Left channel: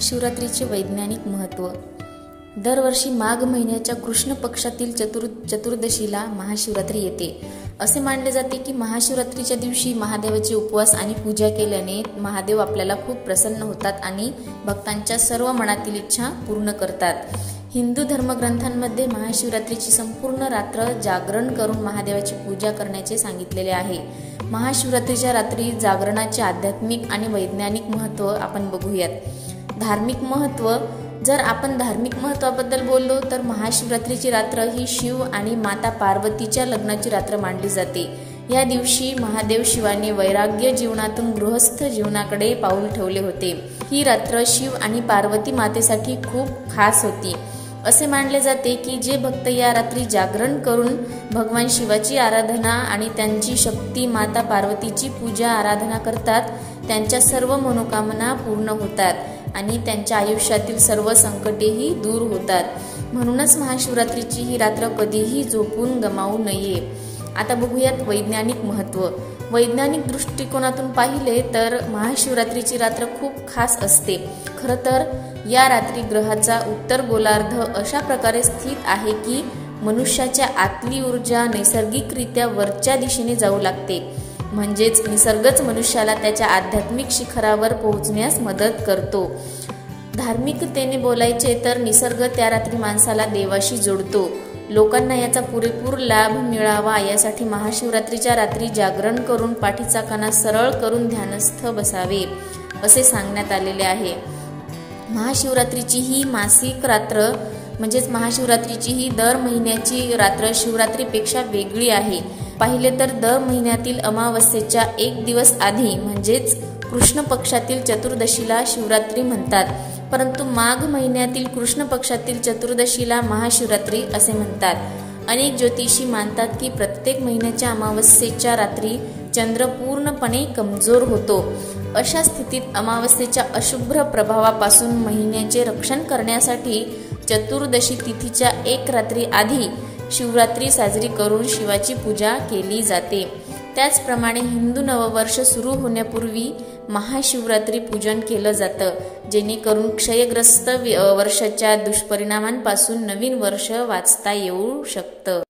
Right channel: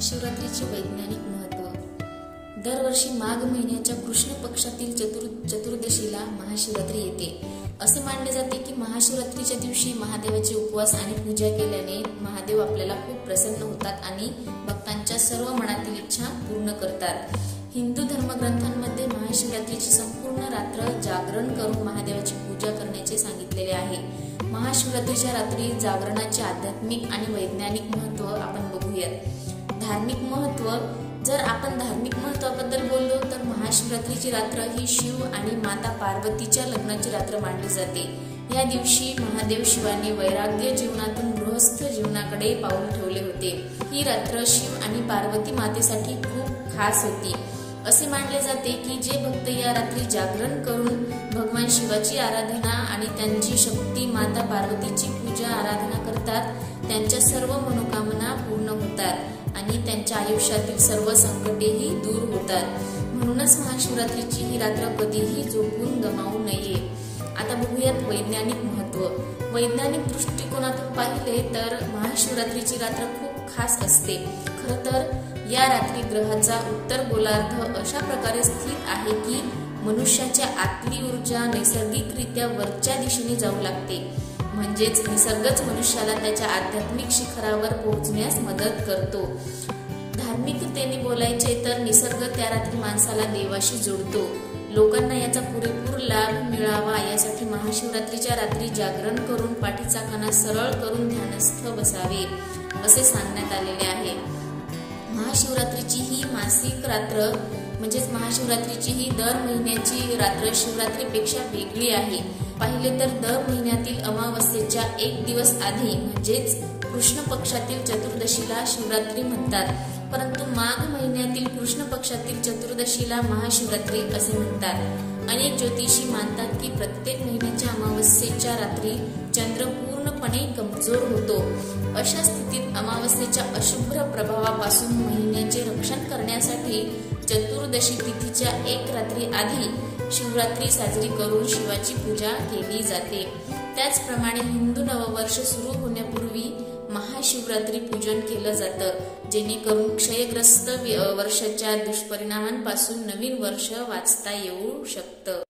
महाशिवरात्रीचे वैज्ञानिक महत्त्व. दरवर्षी माघ महिन्याच्या कृष्ण पक्षातील चतुर्दशीला महाशिवरात्री येते. असे मानले जाते की महाशिवरात्रीच्या दिवशी महादेवाचे उपवास आणि पूजा केल्याने महादेव आपल्याला खूप प्रसन्न होतात आणि भक्तांच्या सर्व मनातील इच्छा पूर्ण करतात. हिंदू धर्मग्रंथांमध्ये महाशिवरात्रीची संपूर्ण रात्र जागरण करून महादेवाची पूजा करण्याचे सांगितलेले आहे. महाशिवरात्रीच्या रात्री जागरणाचे आध्यात्मिक आणि वैज्ञानिक महत्त्व आपण बघूयात. धार्मिक महत्त्व. जर आपण धार्मिक महत्त्वाबद्दल बोललो तर महाशिवरात्रीची रात्र ही शिव आणि माता पार्वतीच्या लग्नाची रात्र मानली जाते. या दिवशी महादेव शिवाने वैराग्य जीवनातून गृहस्थ जीवनाकडे पाऊल ठेवले होते. ही रात्र शिव आणि पार्वती मातेसाठी खूप खास होती. असे मानले जाते की जे भक्त या रात्री जागरण करून भगवान शिवाची आराधना आणि त्यांची शक्ती माता पार्वतीची पूजा आराधना करतात त्यांच्या सर्व मनोकामना पूर्ण होतात आणि त्यांच्या आयुष्यातील सर्व संकटेही दूर होतात. म्हणूनच महाशिवरात्रीची ही रात्र कधीही झोपून गमावू नये. आता बघूयात वैज्ञानिक महत्त्व. वैज्ञानिक दृष्टिकोनातून पाहिले तर महाशिवरात्रीची रात्र खूप खास असते. खरं तर या रात्री ग्रहाचा उत्तर गोलार्ध अशा प्रकारे स्थित आहे की मनुष्याच्या आतली ऊर्जा नैसर्गिकरित्या वरच्या दिशेने जाऊ लागते. म्हणजेच निसर्गच मनुष्याला त्याच्या आध्यात्मिक शिखरावर पोहोचण्यास मदत करतो. धार्मिकतेने बोलायचे तर निसर्ग त्या रात्री माणसाला देवाशी जोडतो. लोकांना याचा पुरेपूर लाभ मिळावा यासाठी महाशिवरात्रीच्या रात्री जागरण करून पाठीचा कणा सरळ करून ध्यानस्थ बसावे असे सांगण्यात आलेले आहे. महाशिवरात्रीची ही मासिक रात्र म्हणजेच महाशिवरात्रीची ही दर महिन्याची रात्र शिवरात्रीपेक्षा वेगळी आहे. पाहिले तर दर महिन्यातील अमावस्येच्या एक दिवस आधी म्हणजेच कृष्ण पक्षातील चतुर्दशीला शिवरात्री म्हणतात, परंतु माघ महिन्यातील कृष्ण पक्षातील चतुर्दशीला महाशिवरात्री असे म्हणतात. अनेक ज्योतिषी मानतात की प्रत्येक महिन्याच्या अमावस्येच्या रात्री चंद्र पूर्णपणे कमजोर होतो. अशा स्थितीत अमावस्येच्या अशुभ्र प्रभावापासून महिन्याचे रक्षण करण्यासाठी चतुर्दशी तिथीच्या एक रात्री आधी शिवरात्री साजरी करून शिवाची पूजा केली जाते. त्याचप्रमाणे हिंदू नववर्ष सुरू होण्यापूर्वी महाशिवरात्री पूजन केलं जातं, जेणेकरून क्षयग्रस्त वर्षाच्या दुष्परिणामांपासून नवीन वर्ष वाचता येऊ शकतं.